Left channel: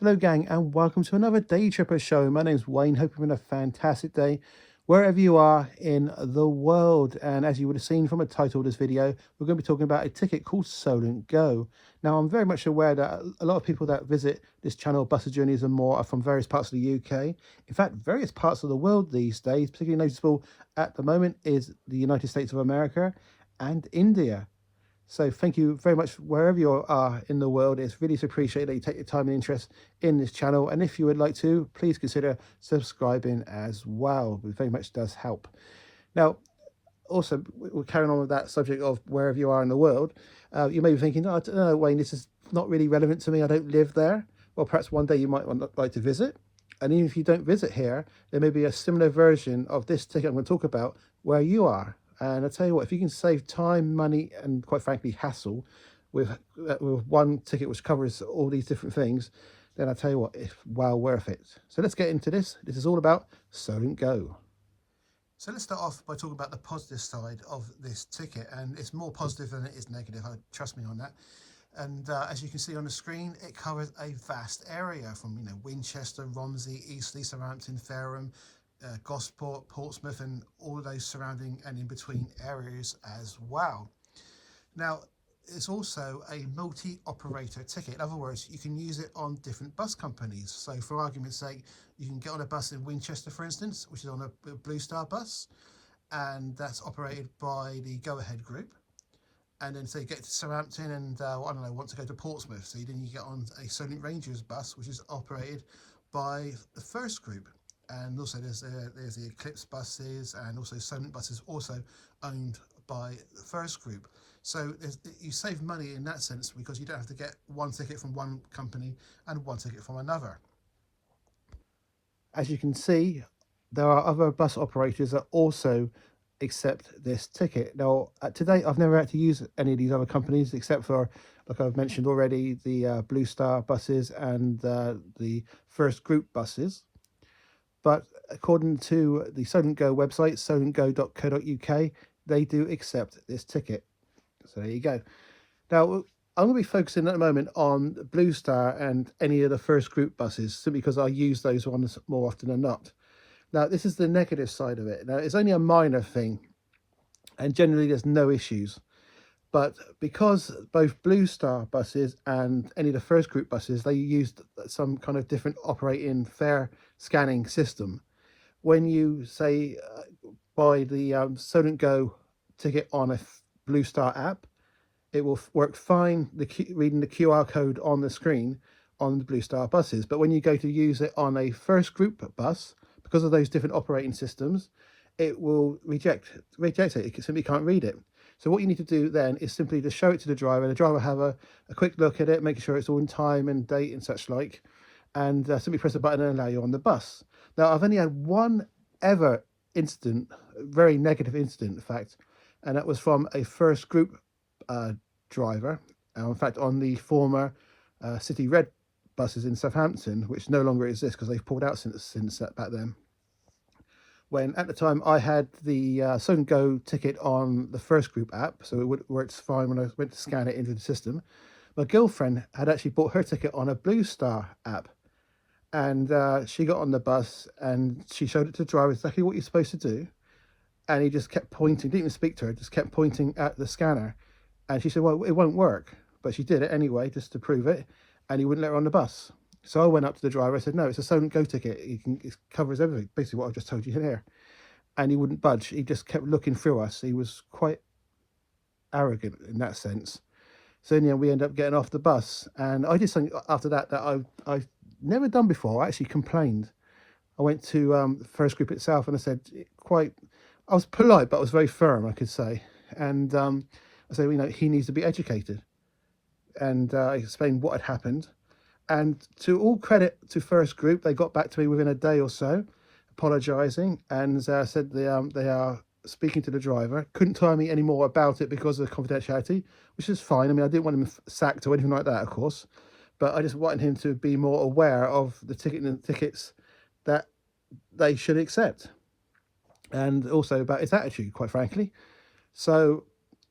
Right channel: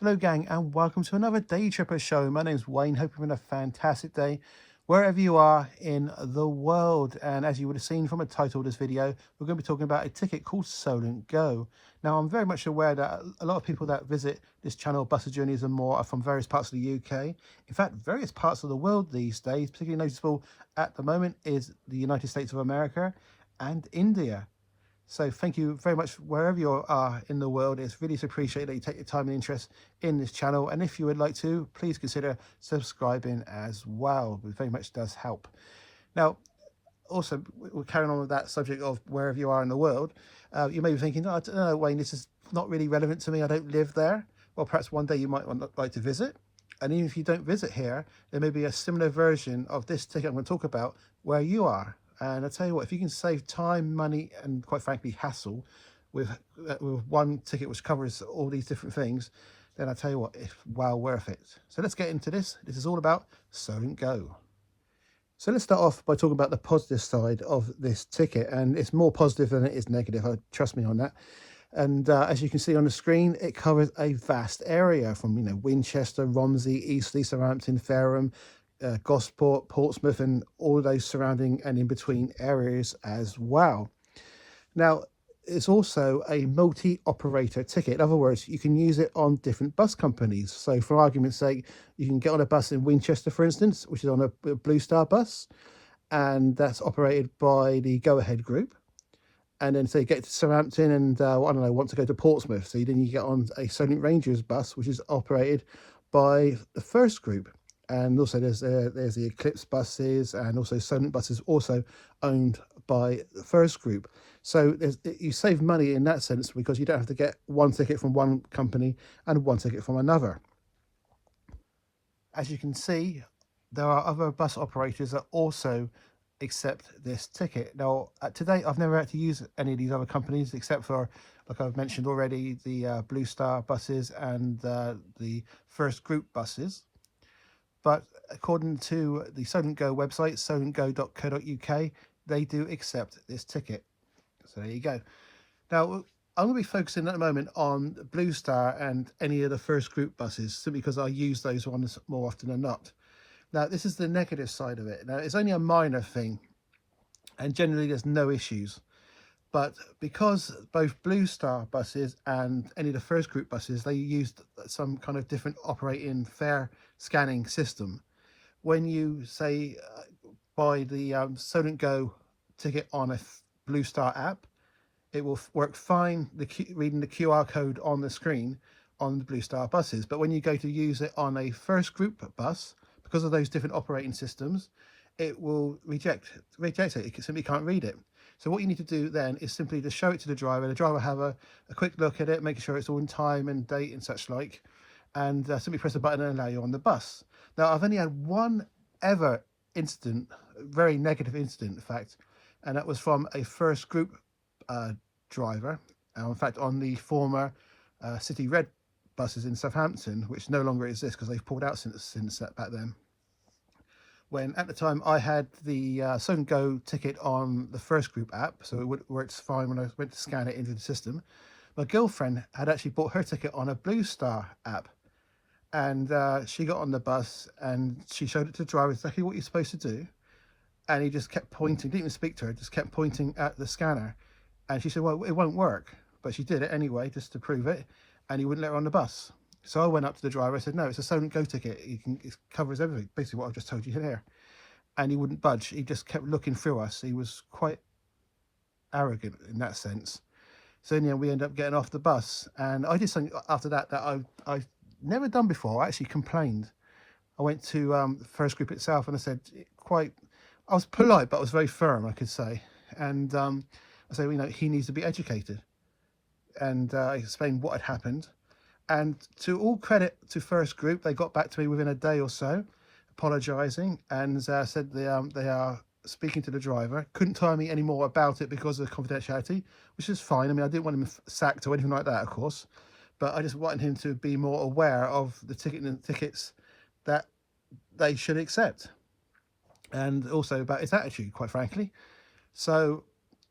Hello gang and welcome to another Day Tripper show. My name's Wayne, hope you're having a fantastic day wherever you are in the world. And as you would have seen from the title of this video, we're going to be talking about a ticket called Solent Go. Now I'm very much aware that a lot of people that visit this channel, Buses Journeys and More, are from various parts of the UK. In fact, various parts of the world these days. Particularly noticeable at the moment is the United States of America and India. So thank you very much wherever you are in the world. It's really appreciated that you take your time and interest in this channel. And if you would like to, please consider subscribing as well. It very much does help. Now, also, we're carrying on with that subject of wherever you are in the world. You may be thinking, oh, I don't know, Wayne, this is not really relevant to me. I don't live there. Well, perhaps one day you might like to visit. And even if you don't visit here, there may be a similar version of this ticket I'm going to talk about where you are. And I tell you what, if you can save time, money, and quite frankly, hassle with one ticket which covers all these different things, then I tell you what, it's well worth it. So let's get into this. This is all about Solent Go. So let's start off by talking about the positive side of this ticket, and it's more positive than it is negative. Trust me on that. And as you can see on the screen, it covers a vast area from Winchester, Romsey, Eastleigh, Southampton, Fareham, Gosport, Portsmouth, and all those surrounding and in between areas as well. Now, it's also a multi-operator ticket. In other words, you can use it on different bus companies. So for argument's sake, you can get on a bus in Winchester, for instance, which is on a Blue Star bus, and that's operated by the Go Ahead group. And then say get to Southampton and I don't know, want to go to Portsmouth. So then you get on a Solent Rangers bus, which is operated by the First group. And also there's the Eclipse buses, and also Solent buses also owned by the First group. So you save money in that sense because you don't have to get one ticket from one company and one ticket from another. As you can see, there are other bus operators that also accept this ticket. Now, to date, I've never had to use any of these other companies except for, like I've mentioned already, the Blue Star buses and the First group buses. But according to the Solent Go website, solentgo.co.uk, they do accept this ticket. So there you go. Now, I'm going to be focusing at the moment on Blue Star and any of the First group buses, simply because I use those ones more often than not. Now, this is the negative side of it. Now, it's only a minor thing, and generally there's no issues. But because both Blue Star buses and any of the First group buses, they used some kind of different operating fare scanning system. When you say buy the Solent Go ticket on a Blue Star app, it will work fine reading the QR code on the screen on the Blue Star buses. But when you go to use it on a First group bus, because of those different operating systems, it will reject it. It simply can't read it. So what you need to do then is simply to show it to the driver. The driver have a quick look at it, making sure it's all in time and date and such like, and simply press a button and allow you on the bus. Now, I've only had one ever incident, very negative incident, in fact, and that was from a First group driver. In fact, on the former City Red buses in Southampton, which no longer exists because they've pulled out since back then. When at the time I had the Solent Go ticket on the First group app, so it works fine when I went to scan it into the system. My girlfriend had actually bought her ticket on a Blue Star app, and she got on the bus and she showed it to the driver exactly what you're supposed to do, and he just kept pointing, didn't even speak to her, just kept pointing at the scanner, and she said, well, it won't work, but she did it anyway just to prove it, and he wouldn't let her on the bus. So I went up to the driver. I said, no, it's a Solent Go ticket. It covers everything, basically what I've just told you here. And he wouldn't budge. He just kept looking through us. He was quite arrogant in that sense. So in the end, we ended up getting off the bus. And I did something after that I've never done before. I actually complained. I went to First group itself and I said, I was polite, but I was very firm, I could say. And I said, he needs to be educated. And I explained what had happened. And to all credit to First group, they got back to me within a day or so, apologising, and said they are speaking to the driver. Couldn't tell me any more about it because of confidentiality, which is fine. I mean, I didn't want him sacked or anything like that, of course, but I just wanted him to be more aware of the tickets that they should accept, and also about his attitude, quite frankly. So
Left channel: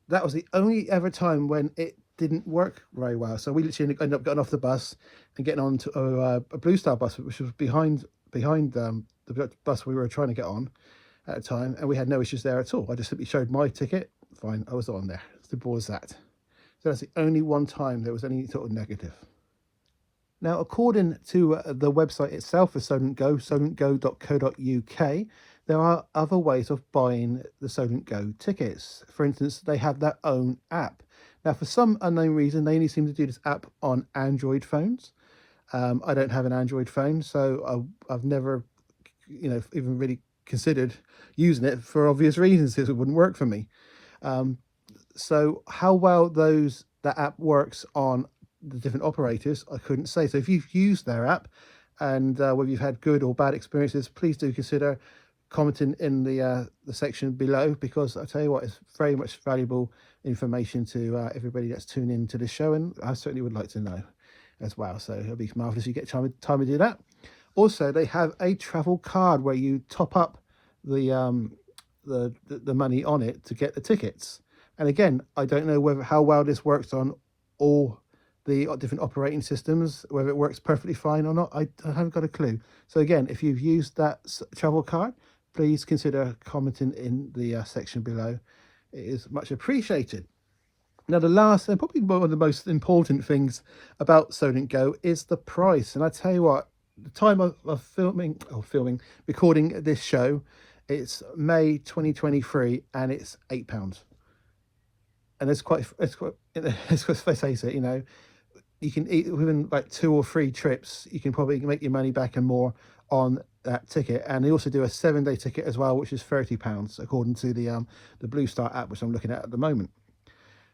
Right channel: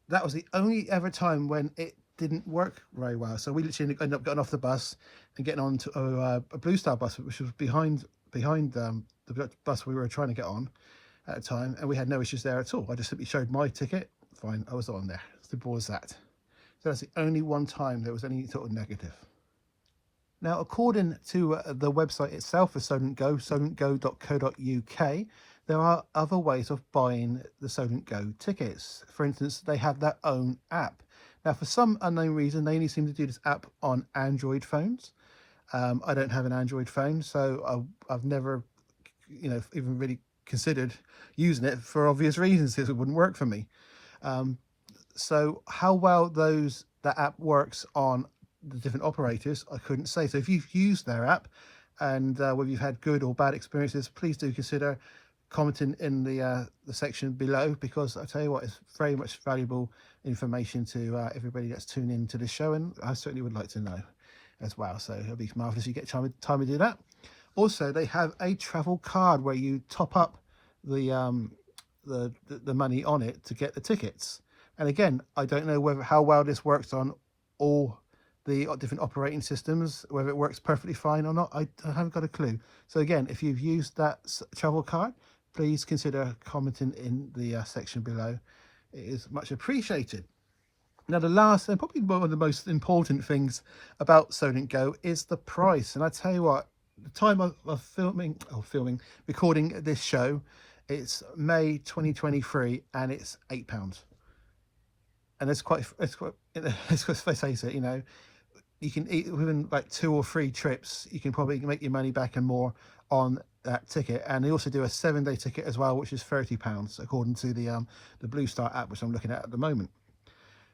that was the only ever time when it didn't work very well. So we literally ended up getting off the bus and getting on to a Blue Star bus, which was behind the bus we were trying to get on at the time, and we had no issues there at all. I just simply showed my ticket. Fine, I was on there. Simple as that. So that's the only one time there was any sort of negative. Now, according to the website itself for Solent Go, solentgo.co.uk, there are other ways of buying the Solent Go tickets. For instance, they have their own app. Now, for some unknown reason, they only seem to do this app on Android phones. I don't have an Android phone, so I've never, even really considered using it for obvious reasons, because it wouldn't work for me. So how well that app works on the different operators, I couldn't say. So if you've used their app and whether you've had good or bad experiences, please do consider commenting in the section below, because I tell you what, it's very much valuable information to everybody that's tuned in to this show, and I certainly would like to know as well. So it'll be marvelous if you get time to do that. Also, they have a travel card where you top up the money on it to get the tickets. And again, I don't know how well this works on all the different operating systems, whether it works perfectly fine or not. I haven't got a clue. So again, if you've used that travel card, please consider commenting in the section below. It is much appreciated. Now, the last and probably one of the most important things about Solent Go is the price. And I tell you what, the time of recording this show, it's May 2023, and it's £8. And let's face it, you can eat within like 2 or 3 trips, you can probably make your money back and more on that ticket. And they also do a 7-day ticket as well, which is £30, according to the Blue Star app, which I'm looking at the moment.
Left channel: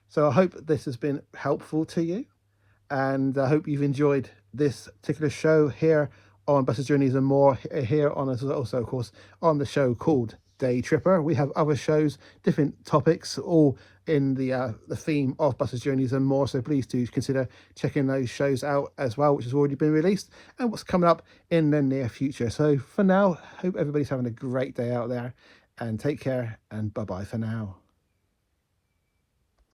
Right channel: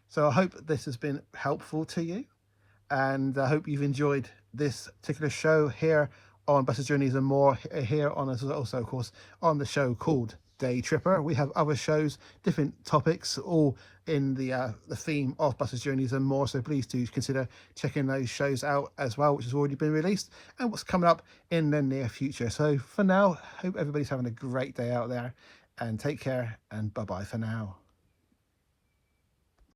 So I hope this has been helpful to you, and I hope you've enjoyed this particular show here on Buses, Journeys and More, here on also, of course, on the show called Day Tripper. We have other shows, different topics, all in the theme of Buses, Journeys and More. So please do consider checking those shows out as well, which has already been released, and what's coming up in the near future. So for now, hope everybody's having a great day out there, and take care, and bye-bye for now.